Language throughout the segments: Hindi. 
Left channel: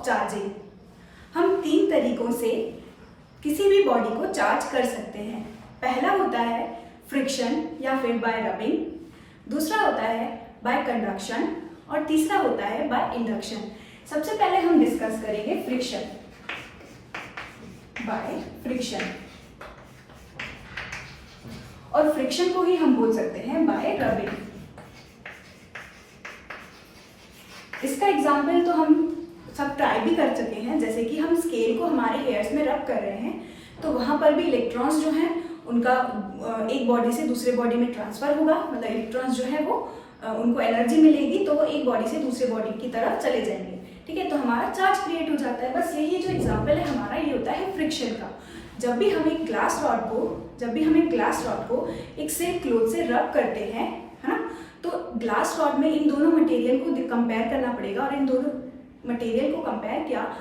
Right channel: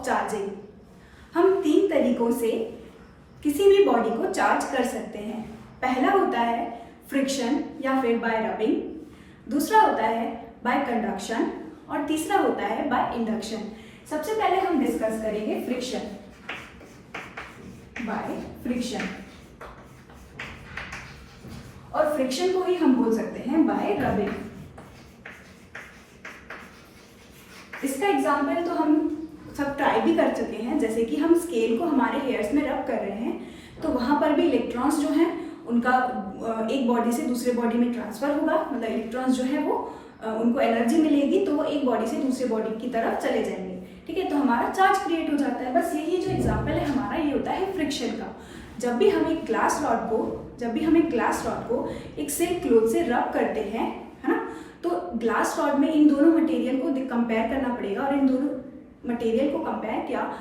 Of charging. हम 3 तरीकों से किसी भी बॉडी को चार्ज कर सकते हैं। पहला होता है फ्रिक्शन या फिर बाय रबिंग, दूसरा होता है बाय कंडक्शन और तीसरा होता है बाय इंडक्शन। सबसे पहले हम डिस्कस करेंगे फ्रिक्शन। बाय फ्रिक्शन, और फ्रिक्शन को ही हम बोल सकते हैं बाय रबिंग। इसका एग्जाम्पल तो हम सब ट्राई भी कर चुके हैं, जैसे कि हम स्केल को हमारे हेयर्स में रब कर रहे हैं तो वहाँ पर भी इलेक्ट्रॉन्स जो हैं उनका एक बॉडी से दूसरे बॉडी में ट्रांसफ़र होगा, मतलब इलेक्ट्रॉन्स जो है वो उनको एनर्जी मिलेगी तो वो एक बॉडी से दूसरे बॉडी की तरफ चले जाएंगे। ठीक है, तो हमारा चार्ज क्रिएट हो जाता है। बस यही जो एग्जाम्पल है हमारा, ये होता है फ्रिक्शन का। जब भी हम एक ग्लास रॉड को एक सिल्क क्लॉथ से रब करते हैं, है ना, तो ग्लास रॉड में इन दोनों मटेरियल को कंपेयर करना पड़ेगा, और इन दोनों मटेरियल को कंपेयर किया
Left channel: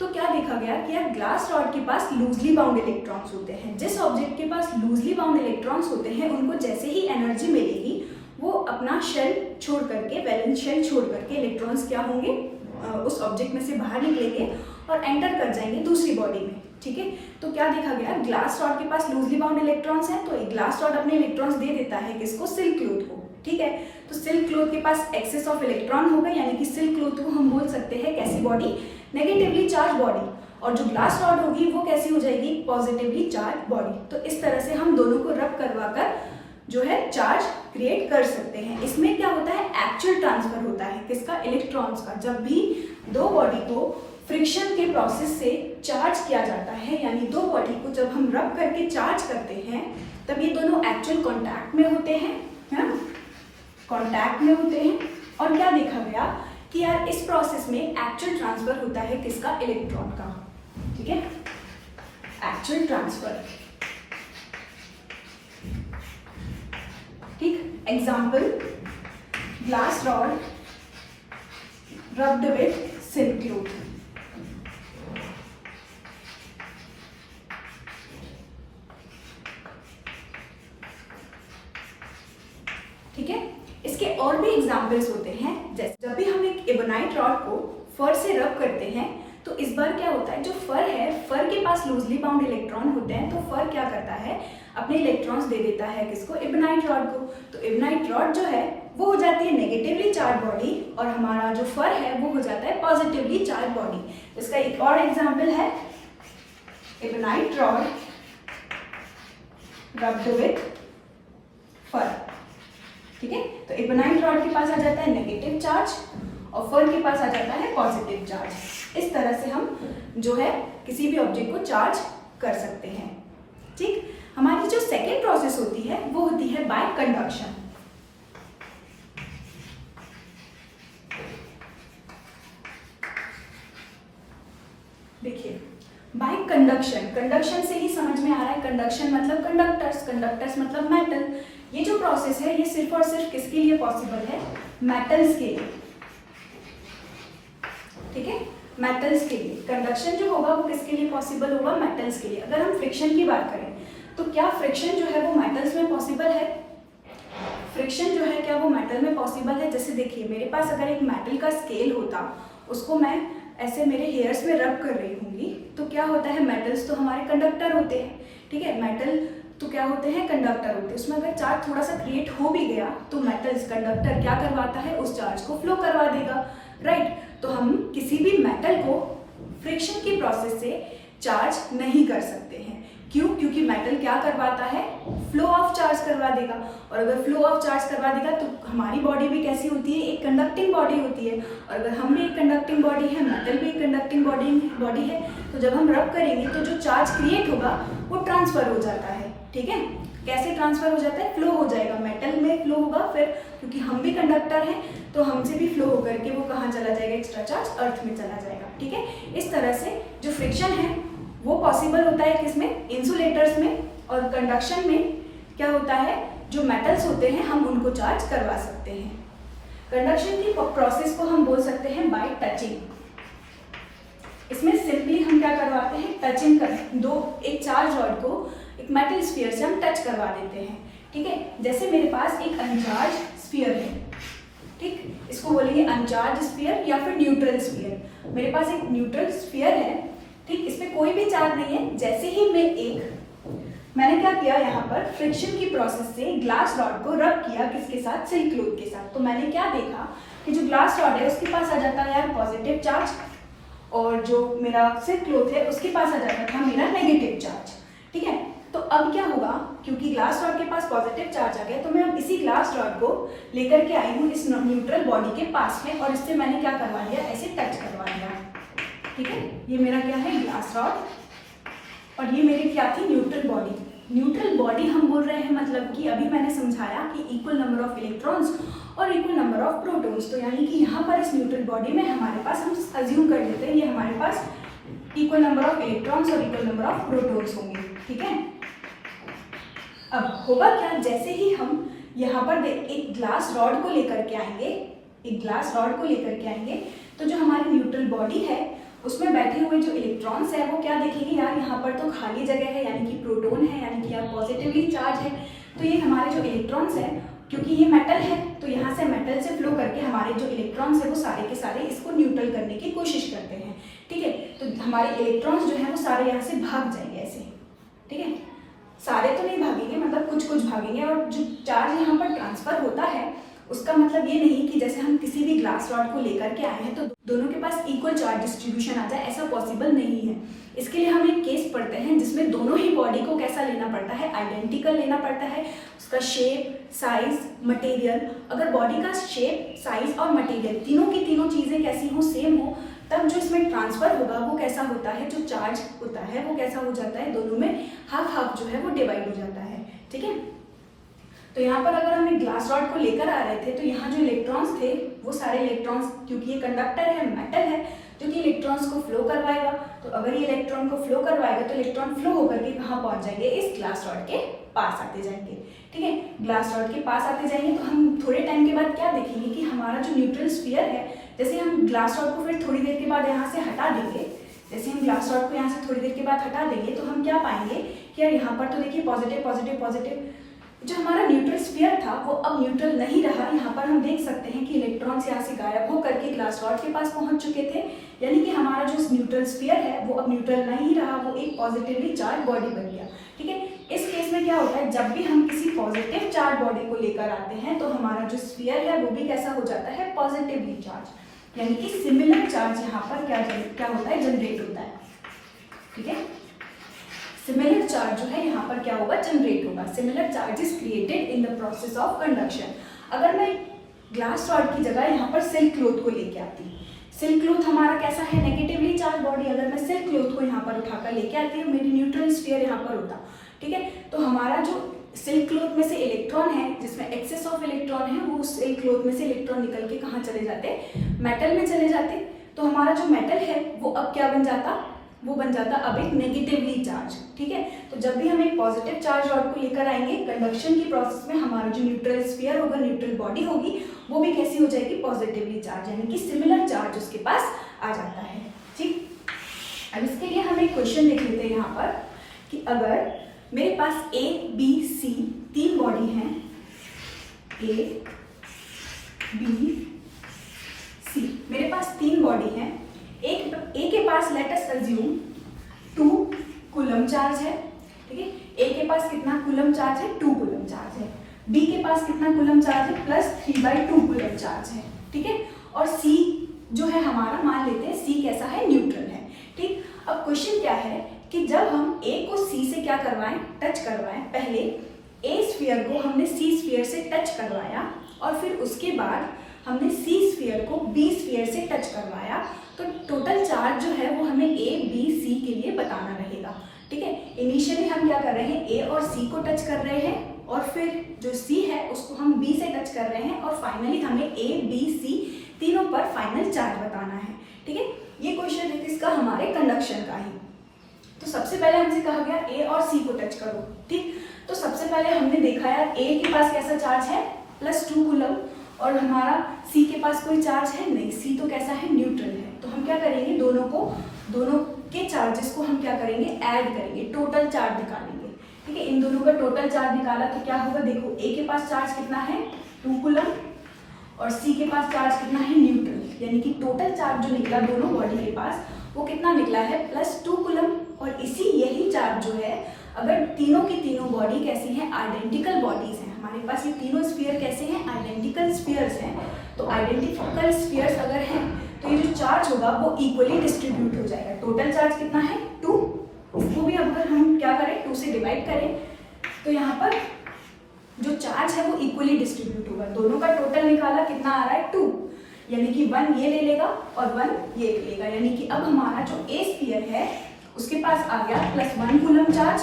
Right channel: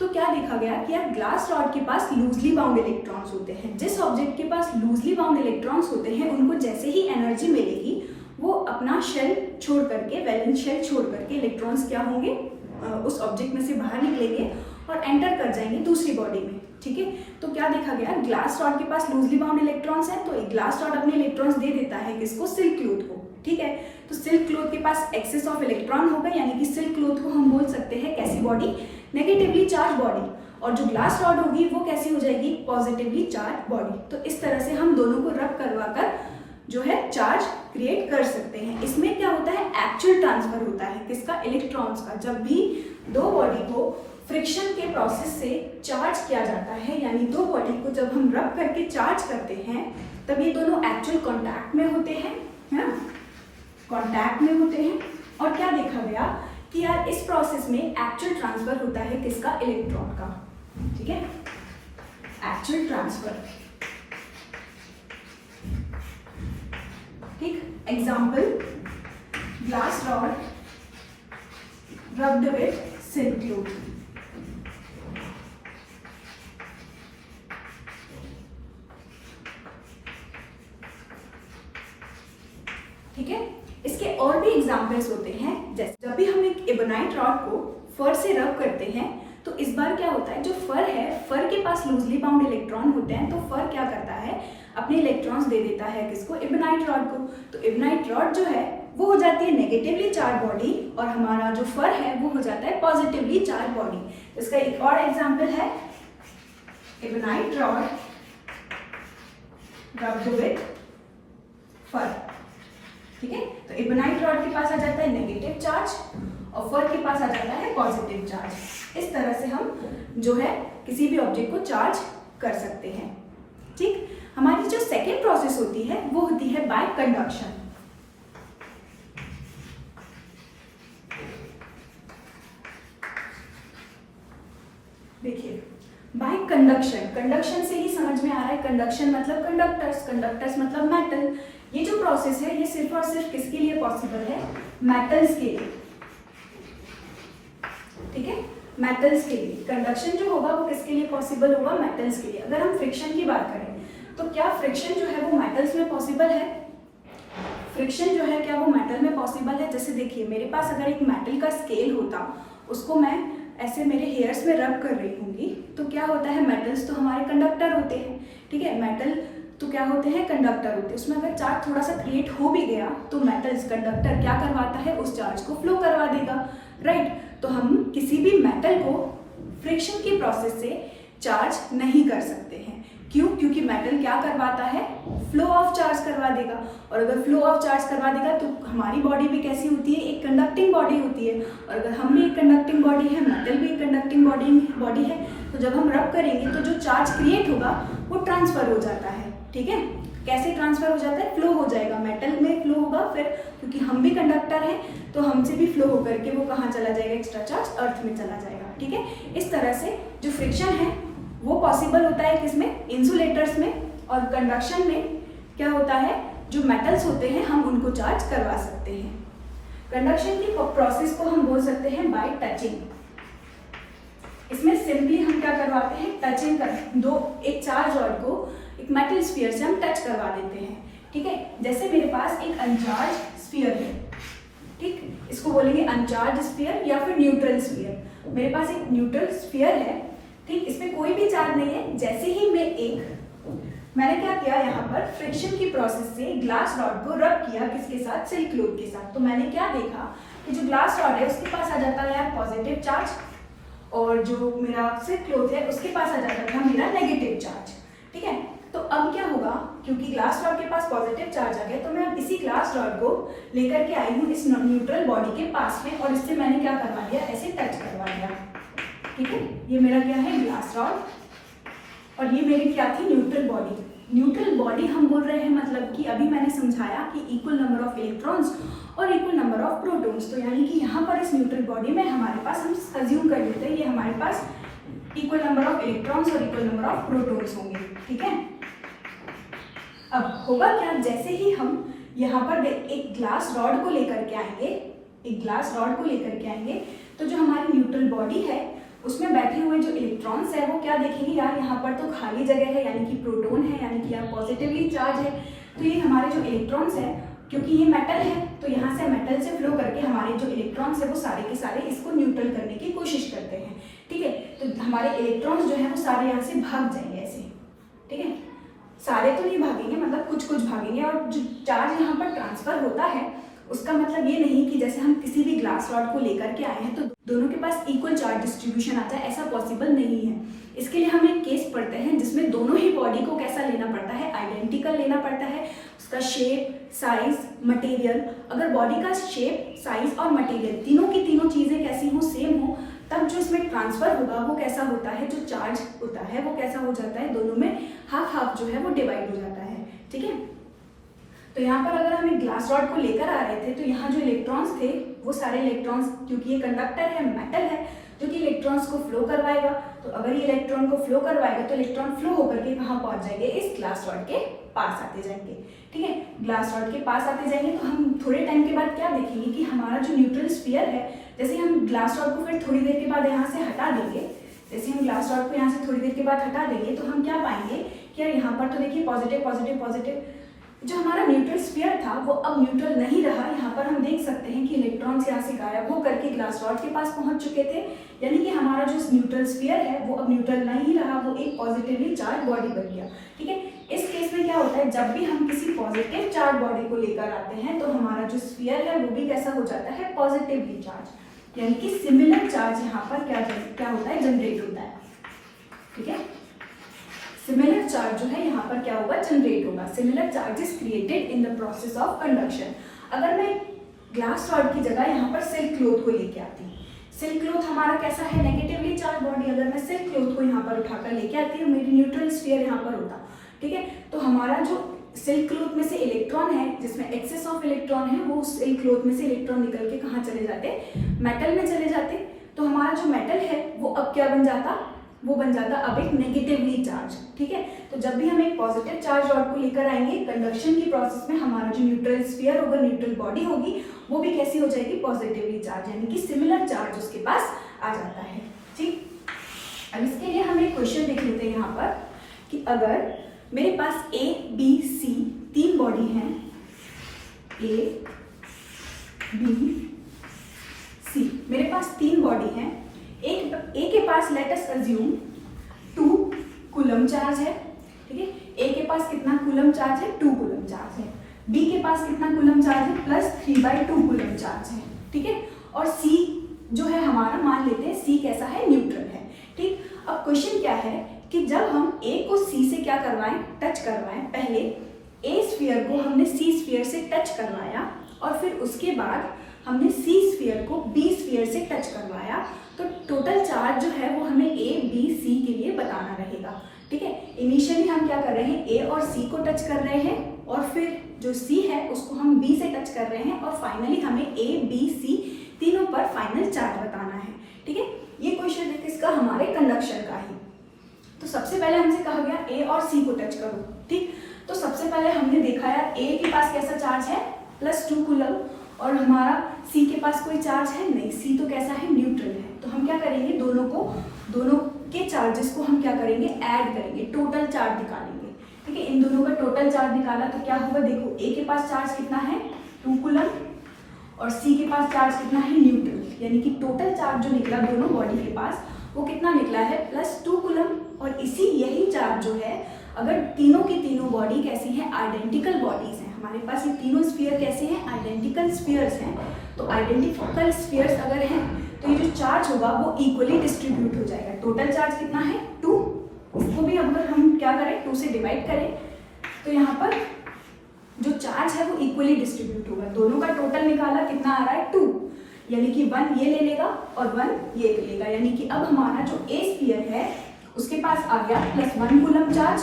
तो क्या देखा गया कि यार ग्लास रॉड के पास लूजली बाउंड इलेक्ट्रॉन्स होते हैं। जिस ऑब्जेक्ट के पास लूजली बाउंड इलेक्ट्रॉन्स होते हैं उनको जैसे ही एनर्जी मिलेगी वो अपना शेल छोड़ करके, वैलेंस शेल छोड़ करके इलेक्ट्रॉन्स क्या होंगे, उस ऑब्जेक्ट में से बाहर निकलेंगे और एंटर कर जाएंगे दूसरी बॉडी में। ठीक है, तो क्या देखा गया, ग्लास रॉड के पास लूजली बाउंड इलेक्ट्रॉन्स हैं तो ग्लास रॉड अपने इलेक्ट्रॉन्स दे देता है किसको, सिल्क क्लॉथ को। ठीक है, तो सिल्क क्लॉथ के पास एक्सेस ऑफ इलेक्ट्रॉन होगा, यानी कि सिल्क क्लॉथ को हम बोल सकते हैं कैसी बॉडी, नेगेटिवली चार्ज बॉडी, और जो ग्लास रॉड होगी वो कैसी हो जाएगी, पॉजिटिवली चार्ज बॉडी। तो इस तरह से हम दोनों को रब करवा कर जो है चार्ज क्रिएट कर सकते हैं। इसमें क्या होता है, एक्चुअल ट्रांसफर होता है किसका, इलेक्ट्रॉन्स का। जब भी दो बॉडी को फ्रिक्शन के प्रोसेस से चार्ज किया जाता है, यानी दो बॉडी को जब हम रब करके चार्ज करते हैं तब ये दोनों एक्चुअल कांटेक्ट में होते हैं, है ना, कांटेक्ट में होते हैं। और क्या देखा गया कि यार इस प्रोसेस में एक्चुअल ट्रांसफर होता है किसका, इलेक्ट्रॉन का। ठीक है, एक्चुअल ट्रांसफर। ठीक, example glass rod rubbed with silk cloth. ठीक है, इसके और भी एग्जाम्पल्स होते हैं, जैसे जब भी हम एक एबोनाइट रॉड को फर से रब करते हैं तो इस बार क्या होता है, जो फर है, फर के पास लूजली बाउंड इलेक्ट्रॉन होते हैं, तो फर क्या करता है, अपने इलेक्ट्रॉन्स दे देता है किसको, एबोनाइट रॉड को। तो एबोनाइट रॉड जो है वो हो जाती है नेगेटिवली चार्ज बॉडी, और हमारा जो फर है वो हो जाता है पॉजिटिवली चार्ज बॉडी। इसका एक और एग्जाम्पल है एबोनाइट रॉड रब्ड विथ फर। ठीक है, तो एबोनाइट रॉड के पास आ जाता है नेगेटिव चार्ज और फर के पास आ जाता है पॉजिटिव चार्ज। इस तरह से हम जो है किसी भी ऑब्जेक्ट को चार्ज कर सकते हैं। ठीक, हमारी जो सेकेंड प्रोसेस होती है वो होती है बाय कंडक्शन। देखिए, बाय कंडक्शन, कंडक्शन से ही समझ में आ रहा है, कंडक्शन मतलब कंडक्टर्स, कंडक्टर्स मतलब मेटल। ये जो प्रोसेस है ये सिर्फ और सिर्फ किसके लिए पॉसिबल है, मेटल्स के लिए। ठीक है, मेटल्स के लिए कंडक्शन जो होगा वो किसके लिए पॉसिबल होगा, मेटल्स के लिए। अगर हम फ्रिक्शन की बात करें तो क्या फ्रिक्शन जो है वो मेटल्स में पॉसिबल है, फ्रिक्शन जो है क्या वो मेटल में पॉसिबल है। जैसे देखिए, मेरे पास अगर एक मेटल का स्केल होता, उसको मैं ऐसे मेरे हेयर्स में रब कर रही होंगी, तो क्या होता है, मेटल्स तो हमारे कंडक्टर होते हैं। ठीक है, मेटल तो क्या होते हैं, कंडक्टर होते हैं। उसमें अगर चार्ज थोड़ा सा क्रिएट हो भी गया तो मेटल्स, कंडक्टर क्या करवाता है, उस चार्ज को फ्लो करवा देगा। राइट, तो हम किसी भी मेटल को फ्रिक्शन की प्रोसेस से चार्ज नहीं कर सकते हैं। क्यों, क्योंकि मेटल क्या करवाता है, फ्लो ऑफ चार्ज करवा देगा, और अगर फ्लो ऑफ चार्ज करवा देगा तो हमारी बॉडी भी कैसी होती है, एक कंडक्टिंग बॉडी होती है, और अगर हम भी एक कंडक्टिंग बॉडी है, मेटल भी एक कंडक्टिंग बॉडी है, तो जब हम रब करेंगे तो जो चार्ज क्रिएट होगा वो ट्रांसफर हो जाता है। ठीक है, कैसे ट्रांसफर हो जाता है, फ्लो हो जाएगा, मेटल में फ्लो होगा, फिर क्योंकि हम भी कंडक्टर हैं तो हमसे भी फ्लो होकर के वो कहाँ चला जाएगा, एक्स्ट्रा चार्ज अर्थ में चला जाएगा। ठीक है, इस तरह से जो फ्रिक्शन है वो पॉसिबल होता है किसमें, इंसुलेटर्स में, और कंडक्शन में क्या होता है, जो मेटल्स होते हैं हम उनको चार्ज करवा सकते हैं। कंडक्शन की प्रोसेस को हम बोल सकते हैं बाय टचिंग। इसमें सिंपली हम क्या करवाते हैं, टचिंग कर एक चार्ज रॉड को एक मेटल स्फीयर से हम टच करवा देते हैं। ठीक है, जैसे मेरे पास एक अनचार्ज स्फीयर है, ठीक, इसको बोलेंगे अनचार्ज स्फीयर या फिर न्यूट्रल स्फीयर। मेरे पास एक न्यूट्रल स्फीयर है, ठीक, इसमें कोई भी चार्ज नहीं है। जैसे ही मैंने क्या किया, यहाँ पर फ्रिक्शन की प्रोसेस से ग्लास रॉड को रब किया, किसके साथ, सिल्क क्लॉथ के साथ। तो मैंने क्या देखा कि जो ग्लास रॉड है उसके पास आ जाता है यार पॉजिटिव चार्ज, और जो मेरा सिल्क क्लॉथ है उसके पास आ जाता था मेरा नेगेटिव चार्ज, ठीक है। तो अब क्या होगा, क्योंकि ग्लास रॉड के पास पॉजिटिव चार्ज आ गया, तो मैं अब इसी ग्लास रॉड को लेकर के आई हूँ इस न्यूट्रल बॉडी के पास में, और इससे मैंने क्या करवा दिया, ऐसे टच करवा दिया, ठीक है। ये मेरा क्या है, ग्लास रॉड, और ये मेरी क्या थी, न्यूट्रल बॉडी। न्यूट्रल बॉडी हम बोल रहे हैं मतलब कि अभी मैंने समझाया कि इक्वल नंबर ऑफ इलेक्ट्रॉन्स और इक्वल नंबर ऑफ प्रोटॉन्स। तो यानी कि यहाँ पर इस न्यूट्रल बॉडी में हमारे पास, हम अज्यूम कर लेते हैं ये हमारे पास इक्वल नंबर ऑफ इलेक्ट्रॉन्स और इक्वल नंबर ऑफ प्रोटॉन्स होंगे, ठीक है। अब होगा क्या, जैसे ही हम यहाँ पर एक ग्लास रॉड को लेकर के आएंगे, तो जो हमारी न्यूट्रल बॉडी है उसमें बैठे हुए जो इलेक्ट्रॉन्स है वो क्या देखेंगे, यार यहाँ पर तो खाली जगह है, यानी कि प्रोटॉन है, यानी कि यार पॉजिटिवली चार्ज है। तो ये हमारे जो इलेक्ट्रॉन्स है, क्योंकि ये मेटल है, तो यहाँ से मेटल से फ्लो करके हमारे जो इलेक्ट्रॉन्स है वो सारे के सारे इसको न्यूट्रल करने की कोशिश करते हैं, ठीक है। तो हमारे इलेक्ट्रॉन्स जो है वो सारे यहाँ से भाग जाएंगे ऐसे, ठीक है। सारे तो नहीं भागेंगे, मतलब कुछ कुछ भागेंगे, और जो चार्ज यहाँ पर ट्रांसफर होता है उसका मतलब ये नहीं कि जैसे हम किसी भी ग्लास रॉड को लेकर के आए हैं तो दोनों के पास इक्वल चार्ज डिस्ट्रीब्यूशन आ जाए, ऐसा पॉसिबल नहीं है। इसके लिए हम एक केस पढ़ते हैं जिसमें दोनों ही बॉडी को कैसा लेना पड़ता है, आइडेंटिकल लेना पड़ता है, उसका शेप, साइज, मटेरियल। अगर बॉडी का शेप, साइज और मटेरियल तीनों की तीनों चीज़ें कैसी हो, सेम हो, तब जो इसमें ट्रांसफर होगा वो कैसा होता है, जो चार्ज होता है वो कैसा हो जाता है, दोनों में हाफ हाफ जो है वो डिवाइड हो जाता है, ठीक है। तो यहाँ पर अगर हम एक ग्लास रॉड को लेकर आ रहे थे तो यहाँ जो इलेक्ट्रॉन्स थे वो सारे इलेक्ट्रॉन्स, क्योंकि ये कंडक्टर है, मेटल है, जो कि इलेक्ट्रॉन्स को फ्लो करवाएगा। तो अगर ये इलेक्ट्रॉन को फ्लो करवाएगा तो इलेक्ट्रॉन फ्लो होकर के कहाँ पहुँच जाएंगे, इस ग्लास रॉड के पास आते जाएंगे, ठीक है। ग्लास रॉड के पास आते जाएंगे तो हम थोड़े टाइम के बाद क्या देखेंगे कि हमारा जो न्यूट्रल स्फीयर है, जैसे हम ग्लास रॉड को फिर थोड़ी देर के बाद यहाँ से हटा देंगे, जैसे हम ग्लास रॉड को यहाँ से थोड़ी देर के बाद हटा देंगे तो हम क्या पाएंगे कि यार यहाँ पर तो देखिए पॉजिटिव पॉजिटिव पॉजिटिव, जो हमारा न्यूट्रल स्फीयर था वो अब न्यूट्रल नहीं रहा। यहाँ पर हम देख सकते हैं कि इलेक्ट्रॉन्स यहाँ से गायब हो करके ग्लास रॉड के पास पहुँच चुके थे, यानी कि हमारा जो न्यूट्रल स्फीयर है वो अब न्यूट्रल नहीं रहा, वो एक पॉजिटिवली चार्ज बॉडी बन गया, ठीक है। इस केस में क्या होता है, जब भी हम किसी पॉजिटिव चार्ज बॉडी को लेकर आते हैं तो हमारा जो स्फीयर है वो भी कैसा हो जाता है, पॉजिटिवली चार्ज, यानी कि सिमिलर चार्ज यहाँ पर क्या होता है, जनरेट होता है, ठीक है। सिमिलर चार्ज जो है यहाँ पर क्या होगा, जनरेट होगा। Similar charge is created in the process of conduction. अगर मैं ग्लास रॉड की जगह यहाँ पर सिल्क क्लॉथ को लेके आती, सिल्क क्लॉथ हमारा कैसा है, नेगेटिवली चार्ज बॉडी, अगर मैं सिल्क क्लॉथ को यहाँ पर उठाकर लेके आती हूँ, मेरी न्यूट्रल स्फीयर यहाँ पर होता, ठीक है। तो हमारा जो सिल्क क्लॉथ में से इलेक्ट्रॉन है, जिसमें एक्सेस ऑफ इलेक्ट्रॉन है, वो सिल्क क्लॉथ में से इलेक्ट्रॉन निकल के कहाँ चले जाते, मेटल में चले जाते। तो हमारा जो मेटल है वो अब क्या बन जाता, वो बन जाता अब एक नेगेटिवली चार्ज, ठीक है। तो जब भी हम एक पॉजिटिव चार्ज रॉड को लेकर आएंगे कंडक्शन की प्रोसेस में, हमारा जो न्यूट्रल स्फीयर होगा, न्यूट्रल बॉडी होगी, वो भी कैसी हो जाएगी, पॉजिटिवली चार्ज, यानी कि सिमिलर चार्ज उसके पास आ जाता है, ठीक। अब इसके लिए हम एक क्वेश्चन देख लेते हैं यहाँ पर कि अगर मेरे पास A, B, C तीन बॉडी हैं, A, B, C, मेरे पास तीन बॉडी हैं। एक A के पास let us assume 2 coulomb charge है, ठीक है। A के पास कितना कूलम चार्ज है, 2 कूलम चार्ज है। B के पास कितना कूलम चार्ज है, +3/2 कूलम चार्ज है, ठीक है। और C जो है हमारा, मान लेते हैं C कैसा है, न्यूट्रल है, ठीक। अब क्वेश्चन क्या है कि जब हम A को C से क्या करवाएं, टच करवाएं, पहले A स्फीयर को हमने C स्फीयर से टच करवाया और फिर उसके बाद हमने C स्फीयर को B स्फीयर से टच करवाया, तो टोटल चार्ज जो है वो हमें A, B, C के लिए बताना रहेगा, ठीक है। इनिशियली हम क्या कर रहे हैं, A और C को टच कर रहे हैं और फिर जो C है उसको हम B से टच कर रहे हैं और फाइनली हमें A, B, C तीनों पर फाइनल चार्ज बताना है, ठीक है। ये क्वेश्चन है किसका, हमारे कंडक्शन का ही। तो सबसे पहले हमसे कहा गया A और C को टच करो, ठीक। तो सबसे पहले हमने देखा यार A के पास कैसा चार्ज है, +2 कूलम, और हमारा C के पास कोई चार्ज है नहीं, C तो कैसा है, न्यूट्रल है। तो हम क्या करेंगे, दोनों के चार्जेस को हम क्या करेंगे, ऐड करेंगे, टोटल चार्ज निकालेंगे, ठीक है। इन दोनों का टोटल चार्ज निकाला तो क्या होगा, देखो A के पास चार्ज कितना है, 2 कूलम, और C के पास चार्ज कितना है, न्यूट्रल, यानी कि टोटल चार्ज जो निकला दोनों बॉडी के पास वो कितना निकला है, +2 कूलम। और इसी यही चार्ज जो है, अगर तीनों की तीनों बॉडी कैसी हैं, आइडेंटिकल बॉडीज हैं, हमारे पास ये तीनों स्फीयर कैसे हैं, आइडेंटिकल स्फीयर्स हैं। तो आइडेंटिकल स्फीयर्स अगर हैं तो ये जो चार्ज होगा वो इक्वली डिस्ट्रीब्यूट हो जाएगा। टोटल चार्ज कितना है, 2। इसको भी अगर हम क्या करें, 2 से डिवाइड करें तो यहाँ पर जो चार्ज है वो इक्वली डिस्ट्रीब्यूट होगा। दोनों का टोटल निकाला, कितना आ रहा है, 2, यानी कि 1 ये ले लेगा और 1 ये ले लेगा, यानी कि अब हमारा जो ए स्फीयर है उसके पास आ गया +1 कूलम चार्ज,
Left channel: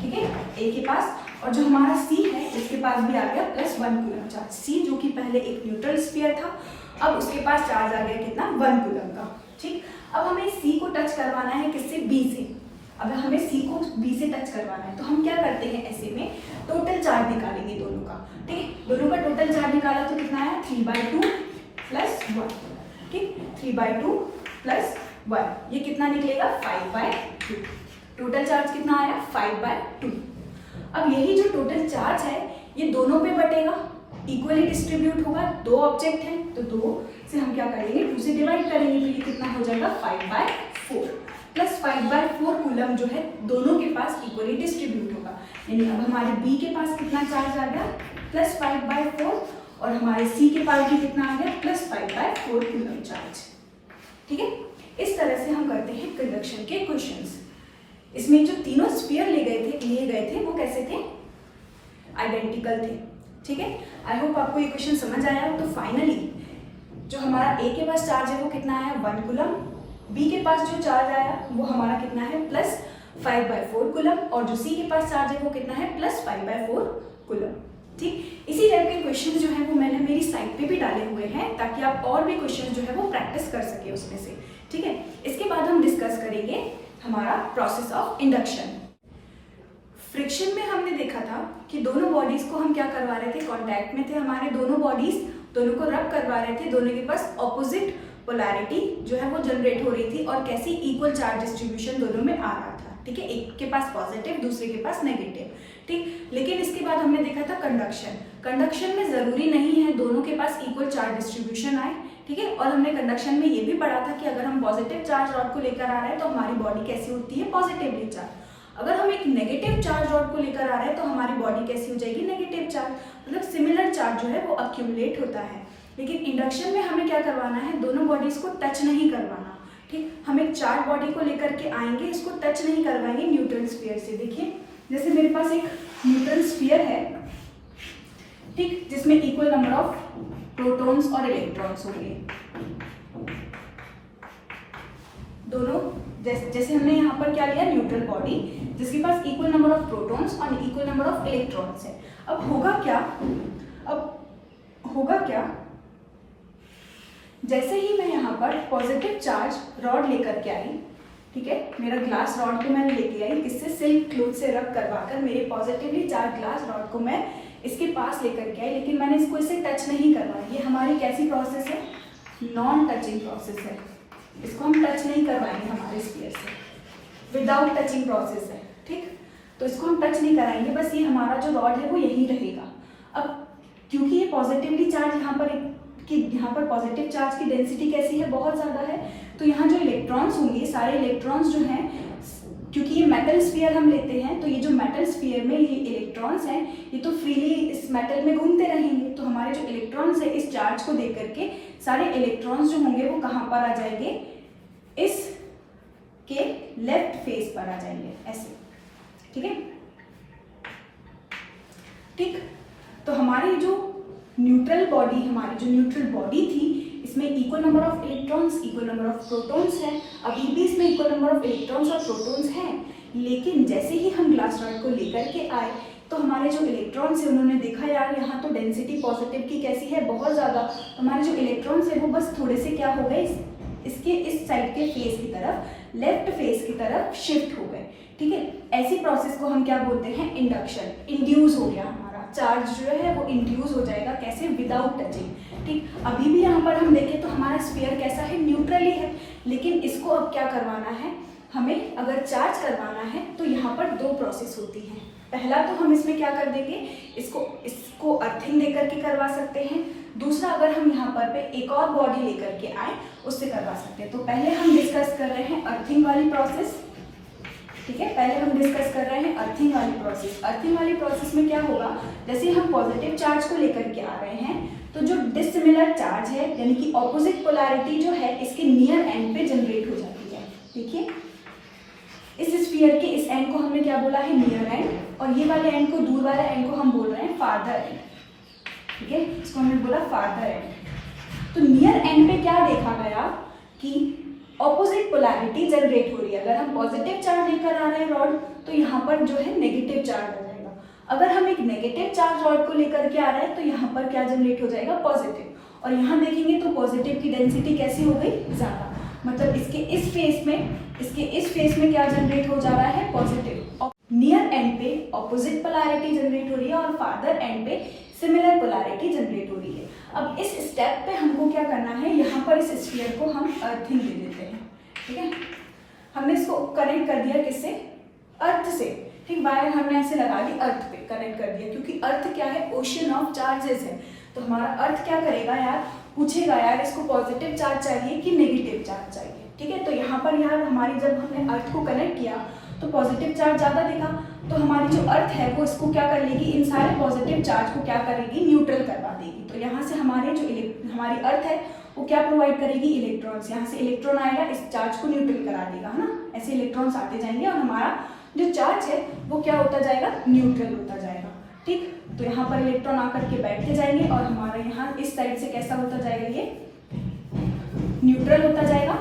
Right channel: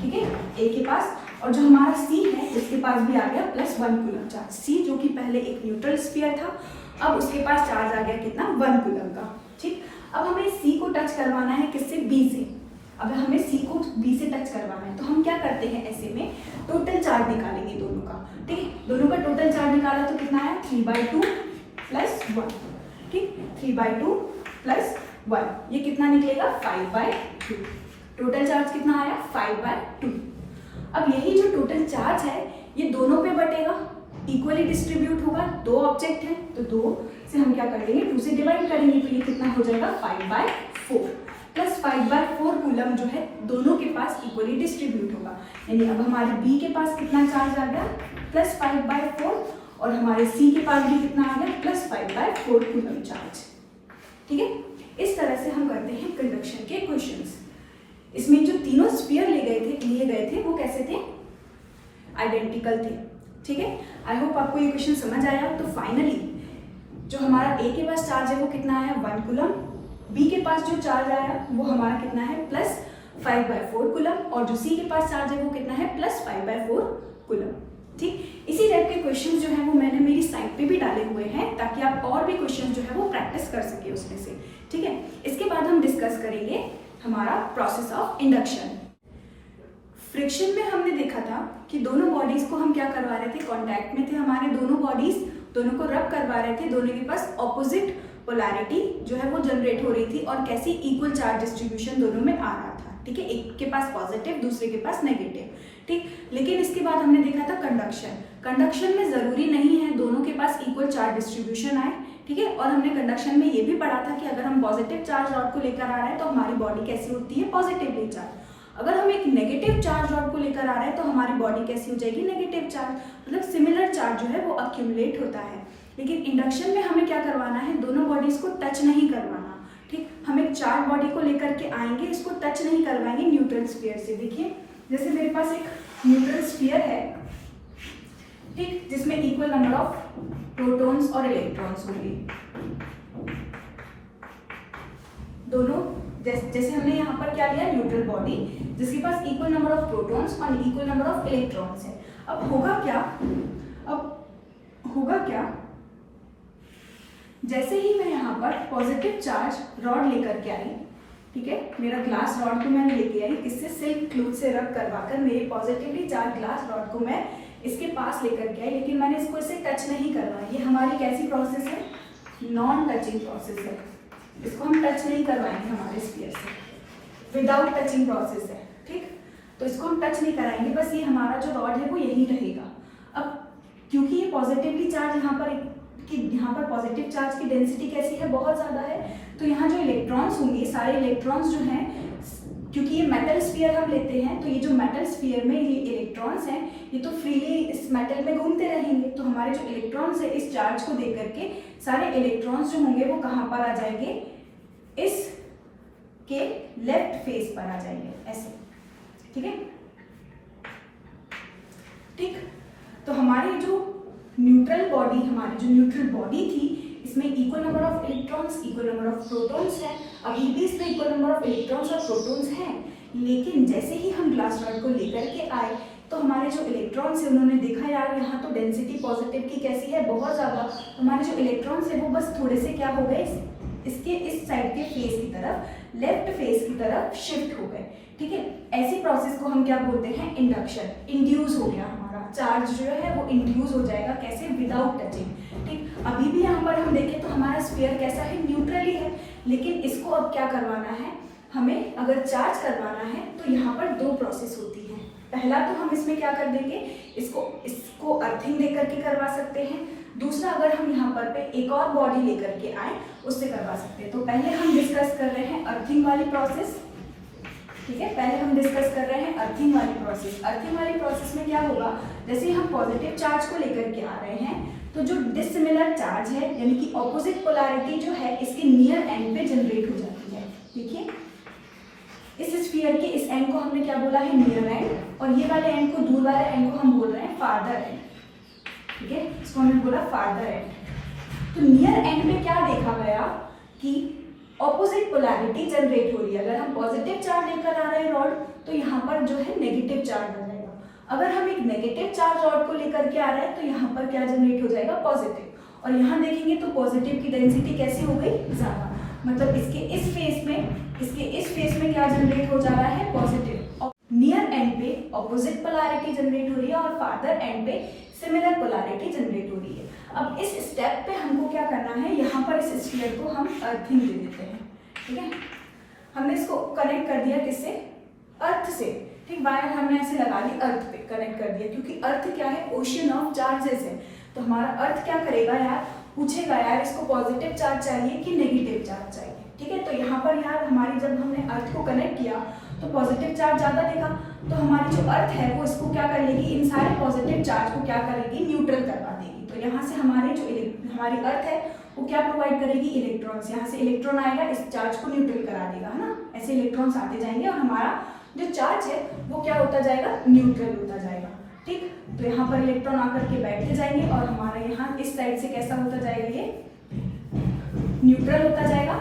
ठीक है, ए के पास। और जो हमारा सी है उसके पास भी आ गया +1 कूलम चार्ज। सी जो कि पहले एक न्यूट्रल स्फीयर था, अब उसके पास चार्ज आ गया कितना, 1 कूलम का, ठीक। अब हमें सी को टच करवाना है किससे, बी से। अगर हमें सी को बी से टच करवाना है तो हम क्या करते हैं, ऐसे में टोटल चार्ज निकालेंगे दोनों का, ठीक है। दोनों का टोटल चार्ज निकाला तो कितना आया, 3/2 + 1, ठीक, 3/2 + 1, ये कितना निकलेगा, 5/2। टोटल चार्ज कितना आया, 5/2। अब यही जो टोटल चार्ज है ये दोनों पे बटेगा, इक्वली डिस्ट्रीब्यूट होगा। 2 ऑब्जेक्ट है तो 2 से हम क्या कर देंगे, 2 से डिवाइड करेंगे, तो ये कितना हो जाएगा, 5/4 + 5/4 कूलम जो है दोनों के पास इक्वली डिस्ट्रीब्यूट होगा। यानी अब हमारे बी के पास कितना चार्ज आ गया, +5/4, और हमारे सी के पास भी कितना आ गया, +5/4 कूलम चार्ज, ठीक है। इस तरह से हम करते हैं कंडक्शन के क्वेश्चंस। इसमें जो तीनों स्फीयर लिए गए थे वो कैसे थे, आइडेंटिकल थे, ठीक है। आई होप आपको ये क्वेश्चन समझ आया। तो फाइनली जो हमारा ए के पास चार्ज है वो कितना आया, 1 कूलम, बी के पास जो चार्ज आया वो हमारा कितना है, +5/4 कूलम, और जो सी के पास चार्ज है वो कितना है, +5/4 कूलम, ठीक। इसी टाइप के क्वेश्चन जो है वो मैंने मेरी साइट पे भी डाले हुए हैं ताकि आप और भी क्वेश्चन जो है वो प्रैक्टिस कर सके उसमें से, ठीक है। इसके बाद हम डिस्कस करेंगे हमारा प्रोसेस ऑफ इंडक्शन। फ्रिक्शन में हमने देखा था कि दोनों बॉडीज को हम क्या करवा रहे थे, कांटेक्ट में थे हमारे दोनों बॉडीज, दोनों को रब करवा रहे थे, दोनों के पास ऑपोजिट पोलैरिटी जो है वो जनरेट हो रही थी और कैसी इक्वल चार्ज डिस्ट्रीब्यूशन दोनों में आ रहा था, ठीक है। एक के पास पॉजिटिव, दूसरे के पास नेगेटिव, ठीक। लेकिन इसके बाद हमने देखा था कंडक्शन। कंडक्शन में जरूरी नहीं है दोनों के पास इक्वल चार्ज डिस्ट्रीब्यूशन आए, ठीक है। और हमने कंडक्शन में ये भी पढ़ा था कि अगर हम पॉजिटिव चार्ज रॉड को लेकर आ रहे हैं तो हमारी बॉडी कैसी होती है, पॉजिटिवली चार्ज। अगर हम एक नेगेटिव चार्ज रॉड को लेकर आ रहे हैं तो हमारी बॉडी कैसी हो जाएगी, नेगेटिव चार्ज, मतलब सिमिलर चार्ज जो है वो अक्यूमुलेट होता है। लेकिन इंडक्शन में हमें क्या करवाना है, दोनों बॉडीज को टच नहीं करवाना, ठीक। हम एक चार्ज बॉडी को लेकर के आएंगे, इसको टच नहीं करवाएंगे न्यूट्रल स्फीयर से। देखिए जैसे मेरे पास एक न्यूट्रल स्फीयर है, ठीक, जिसमें इक्वल नंबर ऑफ प्रोटॉन्स और इलेक्ट्रॉन्स होंगे दोनों। जैसे हमने यहाँ पर क्या लिया, न्यूट्रल बॉडी जिसके पास इक्वल नंबर ऑफ प्रोटॉन्स और इक्वल नंबर ऑफ इलेक्ट्रॉन्स है। अब होगा क्या, जैसे ही मैं यहाँ पर पॉजिटिव चार्ज रॉड लेकर के आई, ठीक है, मेरा ग्लास रॉड को मैंने लेके आई, किससे, सिल्क क्लॉथ से रब करवाकर मेरे पॉजिटिवली चार्ज ग्लास रॉड को मैं इसके पास लेकर के आई, लेकिन मैंने इसको इसे टच नहीं करवाया। ये हमारी कैसी प्रोसेस है, नॉन टचिंग प्रोसेस है। इसको हम टच नहीं करवाएंगे हमारे स्फीयर से, विदाउट टचिंग प्रोसेस है, ठीक। तो इसको हम टच नहीं कराएंगे, बस ये हमारा जो रॉड है वो यहीं रहेगा। अब क्योंकि ये पॉजिटिवली चार्ज यहाँ पर पॉजिटिव चार्ज की डेंसिटी कैसी है, बहुत ज़्यादा है, तो यहाँ जो इलेक्ट्रॉन्स होंगे, सारे इलेक्ट्रॉन्स जो हैं, क्योंकि ये मेटल स्फीयर हम लेते हैं तो ये जो मेटल स्फीयर में ये इलेक्ट्रॉन्स हैं ये तो फ्रीली इस मेटल में घूमते रहेंगे। तो हमारे जो इलेक्ट्रॉन्स है इस चार्ज को देख करके सारे इलेक्ट्रॉन्स जो होंगे वो कहाँ पर आ जाएंगे, इस के लेफ्ट फेस पर आ जाएंगे, ऐसे, ठीक है, ठीक। तो हमारी जो न्यूट्रल बॉडी थी इसमें equal number of electrons, equal number of protons है। अभी भी इसमें इक्वल नंबर ऑफ इलेक्ट्रॉन्स और प्रोटॉन्स हैं, लेकिन जैसे ही हम ग्लास रॉड को लेकर के आए तो हमारे जो इलेक्ट्रॉन्स है उन्होंने देखा यार यहाँ तो डेंसिटी पॉजिटिव की कैसी है, बहुत ज़्यादा। हमारे जो इलेक्ट्रॉन्स है वो बस थोड़े से क्या हो गए, इसके इस साइड के फेस की तरफ, लेफ्ट फेस की तरफ शिफ्ट हो गए, ठीक है। ऐसी प्रोसेस को हम क्या बोलते हैं, इंडक्शन। इंड्यूस हो गया हमारा चार्ज जो है वो इंड्यूस हो जाएगा, कैसे, विदाउट टचिंग, ठीक। अभी भी यहाँ पर हम देखें तो हमारा स्फीयर कैसा है, न्यूट्रली है, लेकिन इसको अब क्या करवाना है हमें, अगर चार्ज करवाना है तो यहाँ पर 2 प्रोसेस होती हैं। पहला तो हम इसमें क्या कर देंगे, इसको अर्थिंग दे करके करवा सकते हैं। दूसरा, अगर हम यहाँ पर पे एक और बॉडी लेकर के आए उससे करवा सकते हैं। तो पहले हम डिस्कस कर रहे हैं अर्थिंग वाली प्रोसेस, ठीक है। पहले हम डिस्कस कर रहे हैं अर्थिंग वाली प्रोसेस। अर्थिंग वाली प्रोसेस में क्या होगा, जैसे हम पॉजिटिव चार्ज को लेकर के आ रहे हैं तो जो डिसिमिलर चार्ज है यानी कि ऑपोजिट पोलैरिटी जो है इसके नियर एंड पे जनरेट हो जाती है। देखिए इस स्फीयर के इस एंड को हमने क्या बोला है, नियर एंड, और ये वाले एंड को, दूर वाले एंड को हम बोल रहे हैं फार्दर एंड, ठीक है। इसको हमने बोला फार्दर एंड। तो नियर एंड पे क्या देखा गया कि ऑपोजिट पोलैरिटी जनरेट हो रही है। अगर हम पॉजिटिव चार्ज लेकर आ रहे हैं रॉड तो यहाँ पर जो है नेगेटिव चार्ज आ जाएगा। अगर हम एक नेगेटिव चार्ज रॉड को लेकर के आ रहे हैं तो यहाँ पर क्या जनरेट हो जाएगा, पॉजिटिव। और यहाँ देखेंगे तो पॉजिटिव की डेंसिटी कैसी हो गई, ज़्यादा। मतलब इसके इस फेस में क्या जनरेट हो जा रहा है, पॉजिटिव। नियर एंड पे ऑपोजिट पोलैरिटी जनरेट हो रही है और फार्दर एंड पे सिमिलर पोलैरिटी जनरेट हो रही है। अब इस स्टेप पे हमको क्या करना है, यहाँ पर इस स्फीयर को हम अर्थिंग दे देते हैं, ठीक है। हमने इसको कनेक्ट कर दिया किससे, अर्थ से, ठीक। वायर हमने ऐसे लगा ली, अर्थ पे कनेक्ट कर दिया, क्योंकि अर्थ क्या है, ओशन ऑफ चार्जेस है। तो हमारा अर्थ क्या करेगा यार, पूछेगा यार इसको पॉजिटिव चार्ज चाहिए कि नेगेटिव चार्ज चाहिए, ठीक है। तो यहाँ पर यार हमारी जब हमने अर्थ को कनेक्ट किया तो पॉजिटिव चार्ज ज़्यादा देगा, तो हमारी जो अर्थ है वो इसको क्या कर लेगी, इन सारे पॉजिटिव चार्ज को क्या करेगी, न्यूट्रल करवा देगी। तो यहाँ से हमारी अर्थ है वो क्या प्रोवाइड करेगी, इलेक्ट्रॉन्स। यहाँ से इलेक्ट्रॉन आएगा, इस चार्ज को न्यूट्रल करा देगा, है ना। ऐसे इलेक्ट्रॉन्स आते जाएंगे और हमारा जो चार्ज है वो क्या होता जाएगा, न्यूट्रल होता जाएगा, ठीक। तो यहाँ पर इलेक्ट्रॉन आकर के बैठते जाएंगे और हमारा यहाँ इस साइड से कैसा होता जाएगा, ये न्यूट्रल होता जाएगा,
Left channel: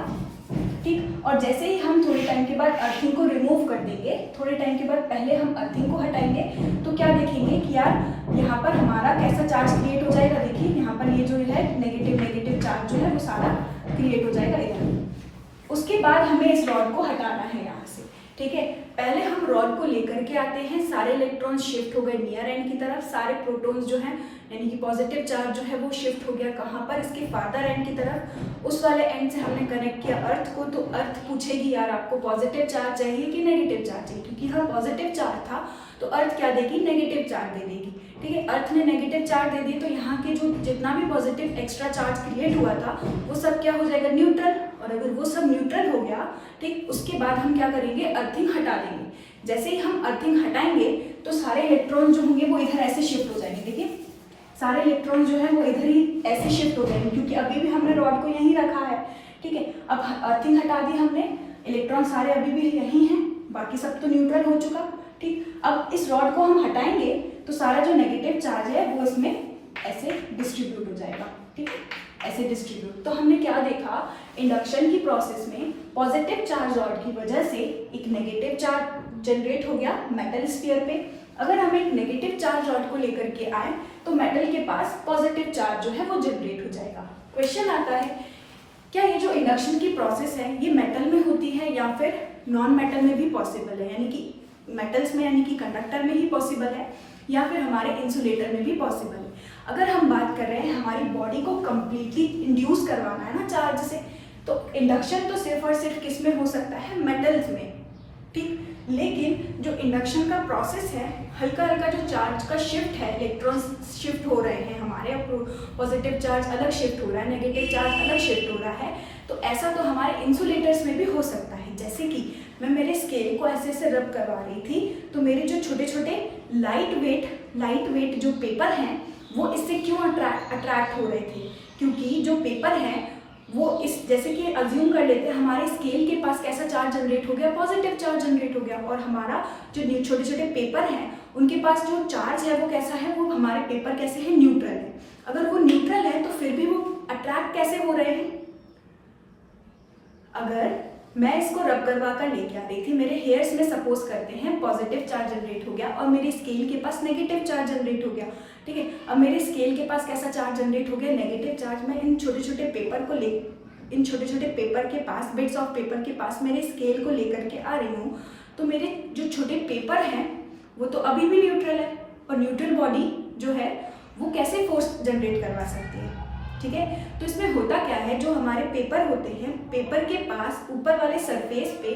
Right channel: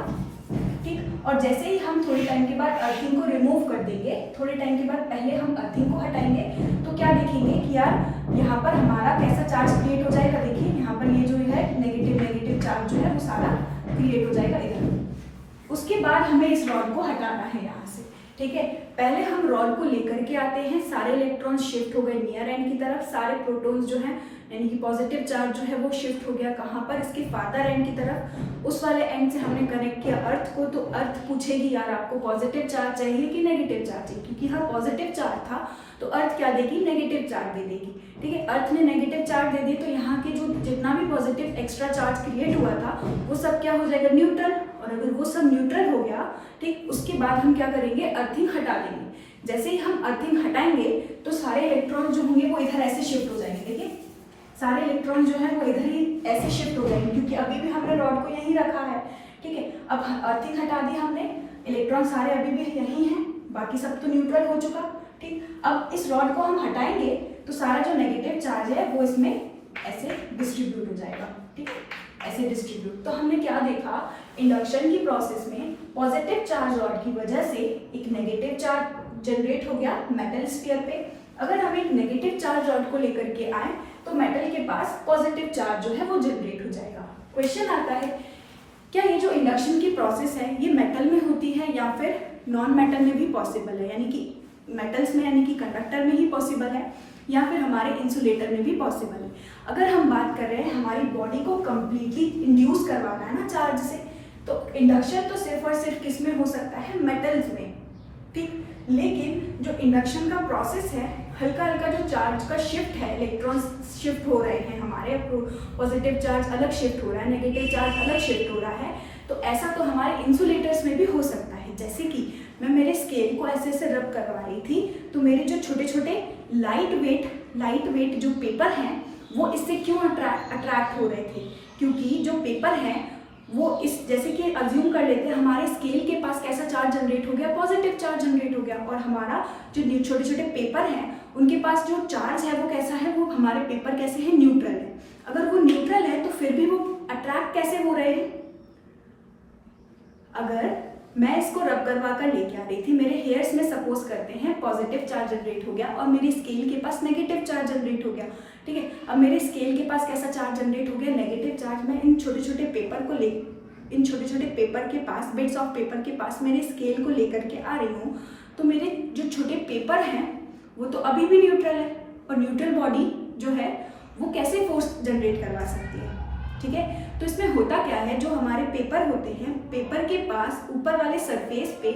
ठीक। और जैसे ही हम थोड़े टाइम के बाद अर्थिंग को रिमूव कर देंगे, थोड़े टाइम के बाद पहले हम अर्थिंग को हटाएंगे तो क्या देखेंगे कि यार यहाँ पर हमारा कैसा चार्ज क्रिएट हो जाएगा। देखिए यहाँ पर ये जो है नेगेटिव चार्ज जो है वो सारा क्रिएट हो जाएगा इधर। उसके बाद हमें इस रॉड को हटाना है यहाँ से, ठीक है। पहले हम रॉड को लेकर के आते हैं, सारे इलेक्ट्रॉन्स शिफ्ट हो गए नियर एंड की तरफ, सारे प्रोटॉन्स जो हैं यानी कि पॉजिटिव चार्ज जो है वो शिफ्ट हो गया कहाँ पर, इसके फार्दर एंड की तरफ। उस वाले एंड से हमने कनेक्ट किया अर्थ को, तो अर्थ पूछेगी यार आपको पॉजिटिव चार्ज चाहिए कि नेगेटिव चार्ज चाहिए, क्योंकि यहाँ पॉजिटिव चार्ज था तो अर्थ क्या देगी, नेगेटिव चार्ज दे देगी, ठीक है। अर्थ ने नेगेटिव चार्ज दे दी तो यहाँ के जो जितना भी पॉजिटिव एक्स्ट्रा चार्ज क्रिएट हुआ था वो सब क्या हो जाएगा, न्यूट्रल। और अगर वो सब न्यूट्रल हो गया, ठीक, उसके बाद हम क्या करेंगे, अर्थिंग हटा देंगे। जैसे ही हम अर्थिंग हटाएंगे तो सारे इलेक्ट्रॉन जो होंगे वो इधर ऐसे शिफ्ट हो जाएंगे। देखिए सारे इलेक्ट्रॉन जो है वो इधर ही ऐसे शिफ्ट हो जाएंगे, क्योंकि अभी भी हमने रॉड को यहीं रखा है, ठीक है। अब अर्थिंग हटा दी हमने, इलेक्ट्रॉन सारे अभी भी यहीं हैं, बाकी सब तो न्यूट्रल हो चुका, ठीक। अब इस रॉड को हम हटाएंगे तो सारा जो नेगेटिव चार्ज है वो इसमें ऐसे डिस्ट्रीब्यूट हो जाएगा, ठीक है, ऐसे डिस्ट्रीब्यूट। तो हमने क्या देखा, इंडक्शन की प्रोसेस में पॉजिटिव चार्ज रॉड की वजह से एक नेगेटिव चार्ज जनरेट हो गया मेटल स्फीयर पे। अगर हम एक नेगेटिव चार्ज रॉड को लेकर के आए तो मेटल के पास पॉजिटिव चार्ज जो है वो जनरेट हो जाएगा। क्वेश्चन आता है, क्या ये जो इंडक्शन की प्रोसेस है ये मेटल में होती है या फिर नॉन मेटल में भी पॉसिबल है, यानी कि मेटल्स में यानी कि कंडक्टर में ही पॉसिबल है या फिर हमारे इंसुलेटर में भी पॉसिबल है। अगर हम बात कर रहे हैं हमारी बॉडी को कंप्लीटली इंड्यूस करवाना है ना चार्ज से, तो इंडक्शन तो सिर्फ और सिर्फ किस में हो सकता है, मेटल्स में, ठीक। लेकिन जो इंडक्शन का प्रोसेस है, हल्का हल्का जो चार्ज का शिफ्ट है, इलेक्ट्रॉन्स शिफ्ट हो रहे हैं हमारे, पॉजिटिव चार्ज अलग शिफ्ट हो रहा है, नेगेटिव चार्ज अलग शिफ्ट हो रहा है, तो ऐसा तो हमारे इंसुलेटर्स में भी हो सकता है। जैसे कि मैं मेरे स्केल को ऐसे ऐसे रब करवा रही थी तो मेरे जो छोटे छोटे लाइट वेट जो पेपर हैं वो इससे क्यों अट्रैक्ट हो रहे थे, क्योंकि जो पेपर हैं वो इस, जैसे कि अज्यूम कर लेते हैं हमारे स्केल के पास कैसा चार्ज जनरेट हो गया, पॉजिटिव चार्ज जनरेट हो गया, और हमारा जो छोटे छोटे पेपर हैं उनके पास जो चार्ज है वो कैसा है, वो हमारे पेपर कैसे है, न्यूट्रल है। अगर वो न्यूट्रल है तो फिर भी वो अट्रैक्ट कैसे हो रहे हैं। अगर मैं इसको रब करवा कर लेके आ रही थी, मेरे हेयर्स में सपोज करते हैं पॉजिटिव चार्ज जनरेट हो गया और मेरी स्केल के पास नेगेटिव चार्ज जनरेट हो गया, ठीक है। अब मेरे स्केल के पास कैसा चार्ज जनरेट हो गया, नेगेटिव चार्ज। मैं इन छोटे छोटे पेपर को इन छोटे छोटे पेपर के पास, बिट्स ऑफ पेपर के पास मेरे स्केल को लेकर के आ रही हूँ, तो मेरे जो छोटे पेपर हैं वो तो अभी भी न्यूट्रल है, और न्यूट्रल बॉडी जो है वो कैसे फोर्स जनरेट करवा सकती है, ठीक है। तो इसमें होता क्या है, जो हमारे पेपर होते हैं, पेपर के पास ऊपर वाले सरफेस पे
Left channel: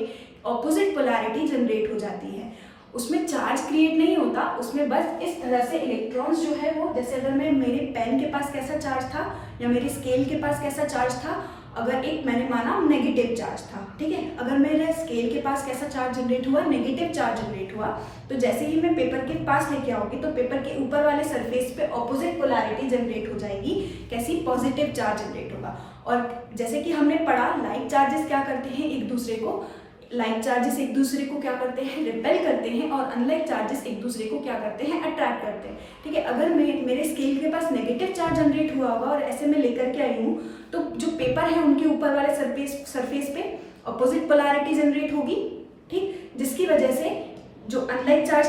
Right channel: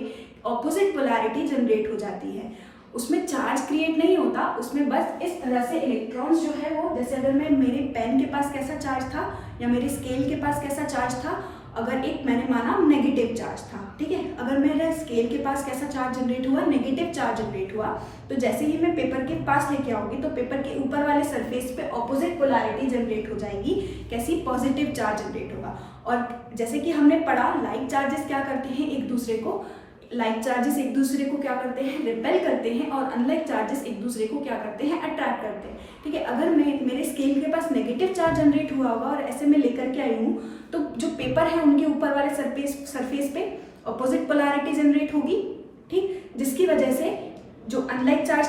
ऑपोजिट पोलैरिटी जनरेट हो जाती है, उसमें चार्ज क्रिएट नहीं होता, उसमें बस इस तरह से इलेक्ट्रॉन्स जो है वो, जैसे अगर मैं मेरे पेन के पास कैसा चार्ज था या मेरे स्केल के पास कैसा चार्ज था, अगर एक मैंने माना नेगेटिव चार्ज था, ठीक है, अगर मेरा स्केल के पास कैसा चार्ज जनरेट हुआ, नेगेटिव चार्ज जनरेट हुआ, तो जैसे ही मैं पेपर के पास लेके आऊंगी तो पेपर के ऊपर वाले सरफेस पे ऑपोजिट पोलैरिटी जनरेट हो जाएगी, कैसी, पॉजिटिव चार्ज जनरेट होगा। और जैसे कि हमने पढ़ा, लाइक चार्जेस क्या करते हैं, एक दूसरे को, लाइक चार्जेस एक दूसरे को क्या करते हैं, रिपेल करते हैं, और अनलाइक चार्जेस एक दूसरे को क्या करते हैं, अट्रैक्ट करते हैं, ठीक है। अगर मेरे स्केल के पास नेगेटिव चार्ज जनरेट हुआ होगा और ऐसे मैं लेकर के आई हूँ, तो जो पेपर है उनके ऊपर वाले सरफेस पे अपोजिट पोलैरिटी जनरेट होगी, ठीक, जिसकी वजह से जो अनलाइक चार्ज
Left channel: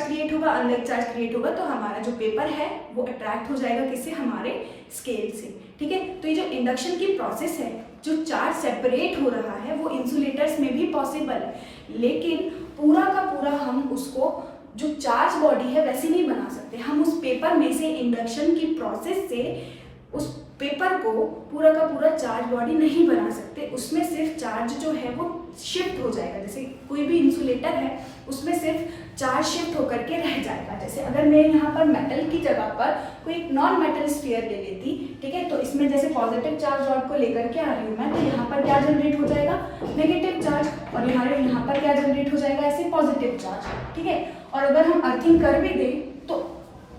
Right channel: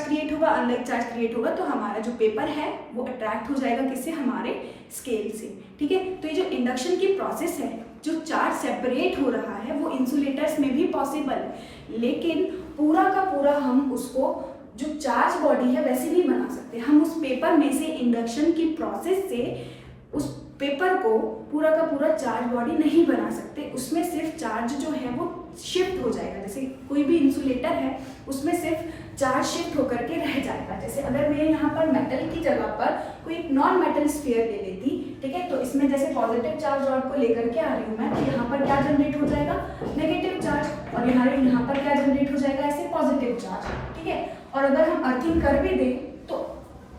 क्रिएट होगा तो हमारा जो पेपर है वो अट्रैक्ट हो जाएगा किससे, हमारे स्केल से, ठीक है। तो ये जो इंडक्शन की प्रोसेस है, जो चार्ज सेपरेट हो रहा है, वो इंसुलेटर्स में भी पॉसिबल है, लेकिन पूरा का पूरा हम उसको जो चार्ज बॉडी है वैसे नहीं बना सकते। हम उस पेपर में से इंडक्शन की प्रोसेस से उस पेपर को पूरा का पूरा चार्ज बॉडी नहीं बना सकते, उसमें सिर्फ चार्ज जो है वो शिफ्ट हो जाएगा। जैसे कोई भी इंसुलेटर है उसमें सिर्फ चार्ज शिफ्ट होकर के रह जाएगा। जैसे अगर मैं यहाँ पर मेटल की जगह पर कोई एक नॉन मेटल स्फीयर ले लेती, ठीक है, तो इसमें जैसे पॉजिटिव चार्ज रॉड को लेकर के आ रही हूँ मैं, तो यहाँ पर क्या जनरेट हो जाएगा, नेगेटिव चार्ज, और यहाँ पर क्या जनरेट हो जाएगा, ऐसे पॉजिटिव चार्ज, ठीक है। और अगर हम अर्थिंग कर भी दें तो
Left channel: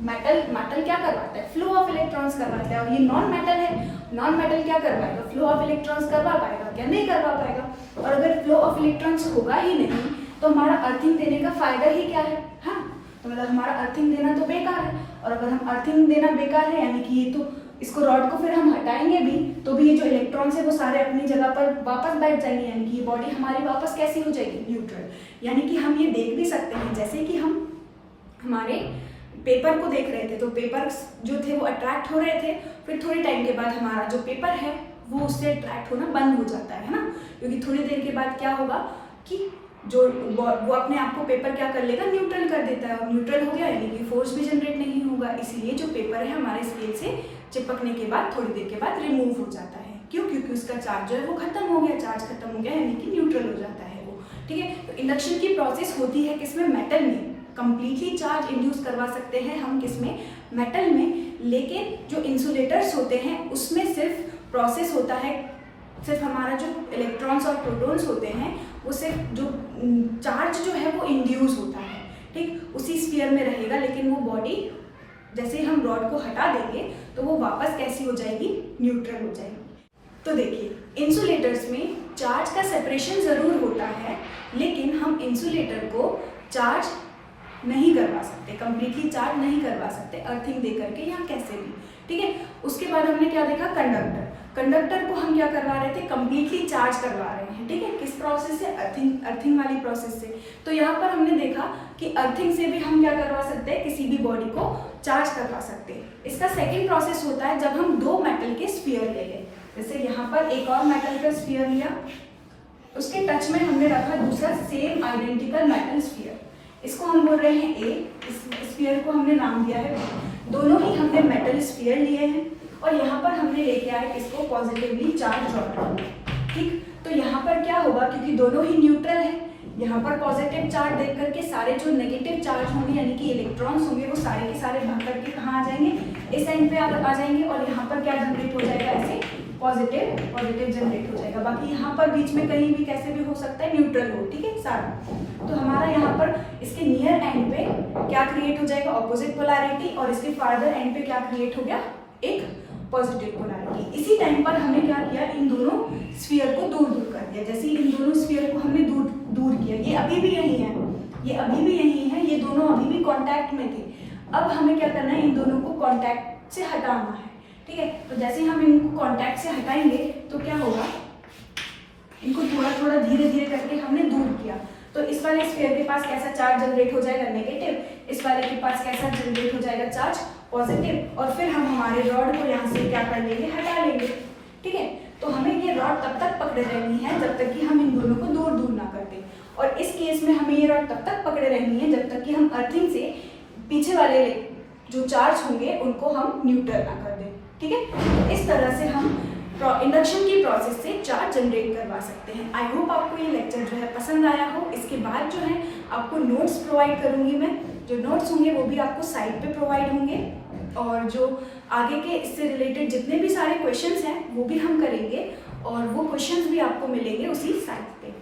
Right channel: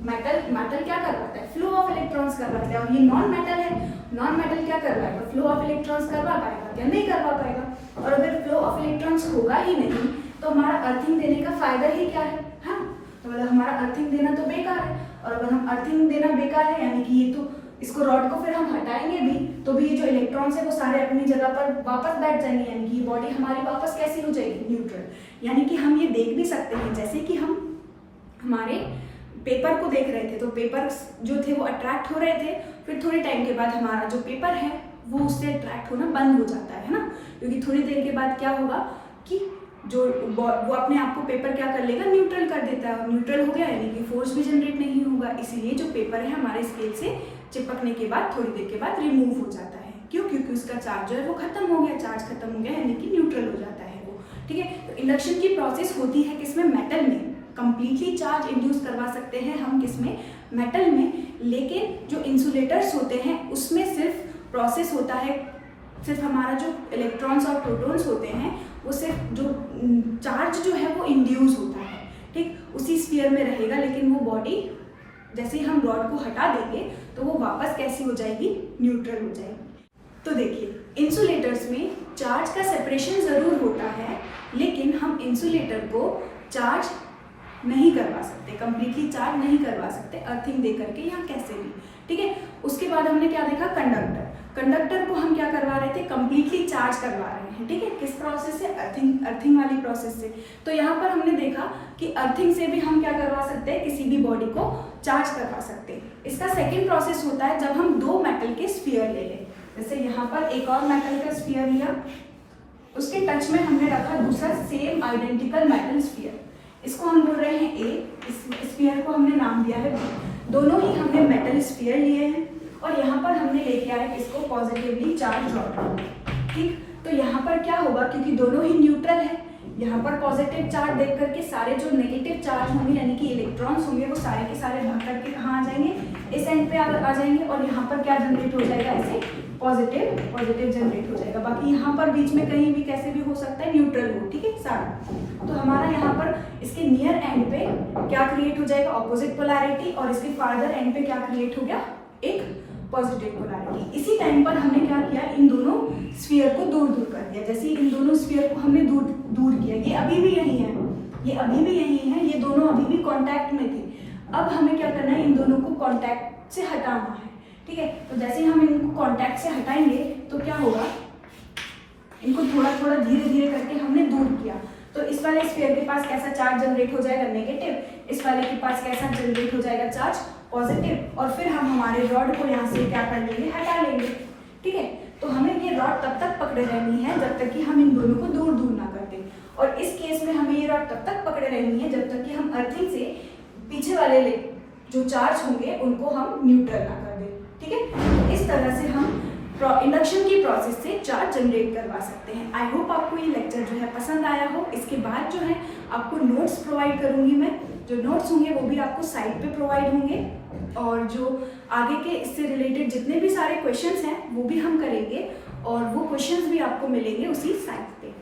मेटल क्या करवाता है, फ्लो ऑफ इलेक्ट्रॉन्स करवाता है, और ये नॉन मेटल है, नॉन मेटल क्या करवाएगा, फ्लो ऑफ इलेक्ट्रॉन्स करवा पाएगा क्या, नहीं करवा पाएगा। और अगर फ्लो ऑफ इलेक्ट्रॉन्स होगा ही नहीं तो हमारा अर्थिंग देने का फायदा ही क्या है, हाँ, तो मतलब हमारा अर्थिंग देना तो बेकार है। और अगर हम अर्थिंग देना बेकार है, यानी कि ये तो इसको रॉड को फिर हम हटाएंगे भी तो भी ये जो इलेक्ट्रॉन्स है वो सारे अपनी जगह पर वापस बैठ जाएंगे, यानी कि ये बॉडी हमारी वापस कैसी हो जाएगी, न्यूट्रल। यानी कि हम ये देख भी सकते हैं, जैसे कि हम हमारे पेपर को देख रहे थे तो पेपर जो थे वो अट्रैक्ट हो रहे थे, फिर थोड़े टाइम के बाद हमारा जो पेपर है वो उससे अट्रैक्ट होना बंद हो जाता है ना, क्योंकि थोड़ी देर के बाद क्या होगा कि जो वो अपने आप को पेपर क्या कर लेगा, न्यूट्रल कर देता है, और न्यूट्रल हो गया यानी कि फोर्स भी जनरेट नहीं होगा, इसीलिए जो पेपर है हमारे स्केल से चिपकने के बाद थोड़ी देर के बाद रिमूव हो जाता है। क्यों, क्योंकि उसका चार्ज जो है वो खत्म हो गया, चार्ज खत्म हो गया यानी कि न्यूट्रल हो जाता है वो, ठीक है। तो इंडक्शन की प्रोसेस होती है किसमें, मेटल में, कंप्लीटली चार्ज इंड्यूस करवा सकते हैं हम किसमें, मेटल में, लेकिन जो इंसुलेटर्स होते हैं उसमें सिर्फ प्रोसेस होता है, सिर्फ हमारा जो इलेक्ट्रॉन्स और प्रोटॉन्स होते हैं वो सिर्फ जो चार्ज जो है वो इंड्यूस होता है, ठीक, उसी स्फीयर में रहेगा, लेकिन वो बॉडी जैसे हम रॉड को हटा देंगे तो वो वापस कैसी हो जाएगी, न्यूट्रल हो जाएगी। तो देखिए इंसुलेटर्स में चार्ज का सेपरेशन ज़रूर होता है, लेकिन हम इंसुलेटर को चार्ज नहीं करवा सकते, कंप्लीटली चार्ज नहीं करवा सकते अर्थिंग दे करके या कैसे भी, ठीक है। उसके बाद हमने क्या देखा, कंडक्टर को हम क्या करवा रहे थे, कंप्लीटली चार्ज करवा रहे हैं, ठीक है, किस प्रोसेस से, अर्थिंग वाली प्रोसेस से। तो यहाँ पर हमने देखा कि अर्थिंग से भी हम क्या करवा सकते हैं, किसी भी बॉडी को चार्ज करवा सकते हैं। इसका सेकेंड प्रोसेस होता है जब हम दो मेटल के स्फीयर ले लें, जैसे यहाँ पर एक और मेटल का स्फीयर लिया, उसके टच में हमने रखा दूसरा सेम आइडेंटिकल मेटल स्फीयर, इसको हम बोल रहे हैं ए, इस स्फीयर को हमने नाम दिया है बी। दोनों ही हमने मेटल स्फीयर लिए हैं और यहाँ पर हमने लेके आए इसको पॉजिटिवली चार्ज रॉड, ठीक। तो यहाँ पर क्या होगा, क्योंकि दोनों ही न्यूट्रल है, यहाँ पर पॉजिटिव चार्ज देख करके सारे जो नेगेटिव चार्ज होंगे यानी कि इलेक्ट्रॉन्स होंगे वो सारे के सारे भाग करके कहाँ आ जाएंगे, इस एंड पे आ जाएंगे, और यहाँ पर क्या जनरेट हो जाएगा, ऐसे पॉजिटिव जनरेट हो जाएगा। बाकी यहाँ पर बीच में कहीं भी कैसे भी हो सकता है, न्यूट्रल हो, ठीक है, सारा। तो हमारा यहाँ पर इसके नियर एंड पे क्या क्रिएट हो जाएगा, ऑपोजिट पोलैरिटी, और इसके फार्दर एंड पे क्या क्रिएट हो गया, एक पॉजिटिव पोलैरिटी। इसी टाइम पर हमने क्या किया, इन दोनों स्फीयर को दूर कर दिया। जैसे इन दोनों स्फीयर को हमने दूर किया, ये अभी भी यही है, ये अभी भी यही है, ये दोनों अभी भी कांटेक्ट में थे। अब हमें क्या करना है, इन दोनों को कांटेक्ट से हटाना है, ठीक है। तो जैसे हम इनको कांटेक्ट से हटाएंगे तो क्या होगा, इनको थोड़ा थोड़ा धीरे करके हमने दूर किया, तो इस वाले स्फीयर के पास कैसा चार्ज जनरेट हो जाएगा, नेगेटिव, इस वाले के पास कैसा जनरेट हो जाएगा, चार्ज पॉजिटिव, और फिर हम हमारे रॉड को यहाँ से क्या कर लेंगे, हटा लेंगे, ठीक है। तो हमें ये रॉड तब तक पकड़े रहनी है जब तक कि हम इन दोनों को दूर ना कर दें, और इस केस में हमें ये रॉड तब तक पकड़े रहनी है जब तक कि हम अर्थिंग से पीछे वाले जो चार्ज होंगे उनको हम न्यूट्रल ना कर दें, ठीक है। तो इस तरह से हम इंडक्शन की प्रोसेस से चार्ज जनरेट करवा सकते हैं। आई होप आपको ये लेक्चर जो है पसंद आया हो। इसके बाद जो है आपको नोट्स प्रोवाइड करूँगी मैं, जो नोट्स होंगे वो भी आपको साइट पे प्रोवाइड होंगे, और जो आगे के इससे रिलेटेड जितने भी सारे क्वेश्चंस हैं वो भी हम करेंगे, और वो क्वेश्चंस भी आपको मिलेंगे उसी साइट पे।